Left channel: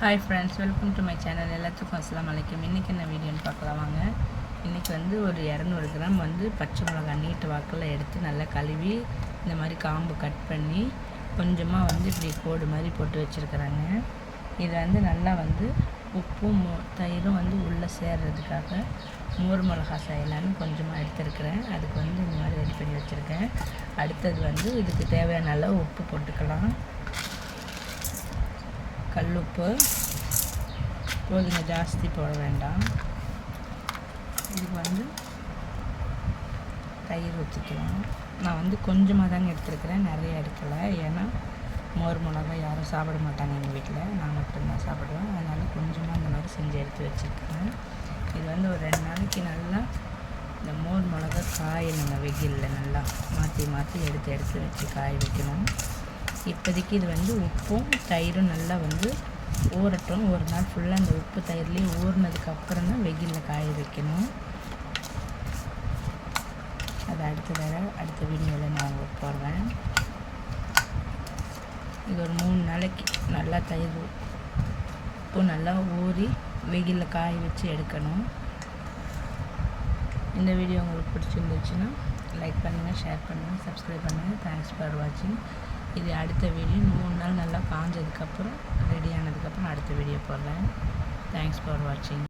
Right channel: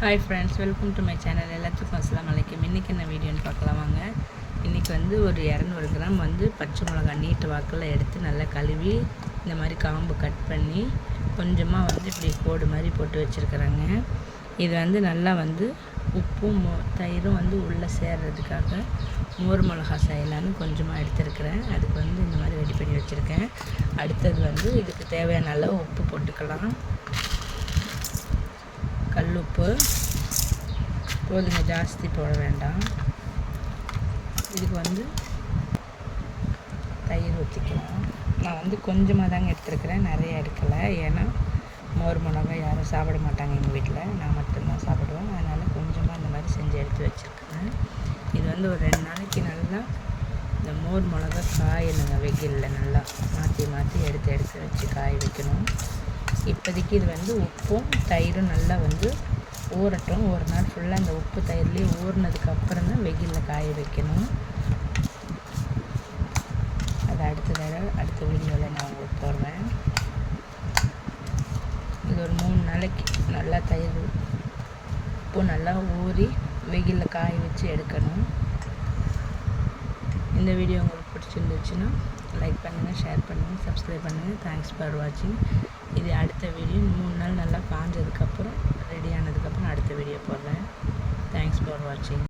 Hi friends welcome to my channel எல்லாத்துக்கும் அஸ்லாம் வலைக்கம் இன்றைக்கி என்ன வீடியோன்னு பார்க்கலாம் வாங்க. இன்றைக்கி வந்து ஒரு இரநூறு கிராம் வந்து பச்சை மிளகா நீட்டு வாக்கில் எடுத்து நல்லா கழுவி இந்த மாதிரி காம்பு கட் பண்ணி கொஞ்சமாக வந்து இப்படி கோடு மாதிரி போட்டு வச்சுருக்குறாங்க. இது வந்து நல்லா வந்து உப்பும் மோ தயிரும் வந்து உள்ளே சேர்றதுக்காக மோர் மிளகா செய்யலான்னு கொஞ்சமாக எடுத்துருக்கிறேன். அதுக்கு வந்து இந்த மாதிரி ரெடி பண்ணி வச்சுருக்கேன். அடுத்தது வந்து இதுக்கு தேவையான அளவு உப்பு போட்டுக்கலாம். கல்லுப்பு கோதுமை ஜாஸ்தி போட வேண்டாம் இதுக்கு வந்து தயிர் வச்சுக்கலாம் நான் வந்து கொஞ்சமாக தாங்க எடுத்துருக்கிறேன் நிறைய எடுக்கலை ஏன்னா மோர் மிளகா யாரும் சாப்பிட மாட்டாங்க எங்கள் வீட்டில் நான் மட்டும்தான் சாப்பிடுவேன் அதனால் கொஞ்சமாக அந்த மாதிரி செஞ்சு எடுத்து வச்சுருக்கேன் இது வந்து ஒரு ரெண்டு நாளைக்கு நல்லா இந்த மோர் மிளகா காயணுங்க வெயிலில் நல்லா மாற்றி மாற்றி எடுத்து எடுத்து வச்சு காய வைக்கணும் இப்போதைக்கு இது வந்து உப்பும் தயிரும் நல்லா வந்து ஊறட்டும். ஒரு நாள் ஃபுல்லாக அந்த உப்பு தயிர்லேயே ஊறினதுக்கப்புறம் தான் வெயிலில் காய வைக்கணும். அது அடுத்த தடவை அடுத்த வீடியோவில் நான் உங்களுக்கு போடுவேன் இது ஒரு மூணு நாளைக்கு நல்லா தயிர் உப்பு நல்லா ஊறி வெயிலில் காய வச்சு எடுக்கணும். இந்த வீடியோ உங்களுக்கு பிடிச்சிருந்துச்சுன்னா லைக் பண்ணுங்கள் ஷேர் பண்ணுங்கள் சப்ஸ்கிரைப் பண்ணுங்கள் தேங்க்ஸ் ஃபார் வாட்சிங் இது அடுத்த வீடியோ மூணு நாள் நல்லா காஞ்சதுக்கப்புறம் ரெடி ஆனதுக்கப்புறம் அடுத்த வீடியோ போடுறேன். தேங்க்ஸ் ஃபார் வாட்சிங்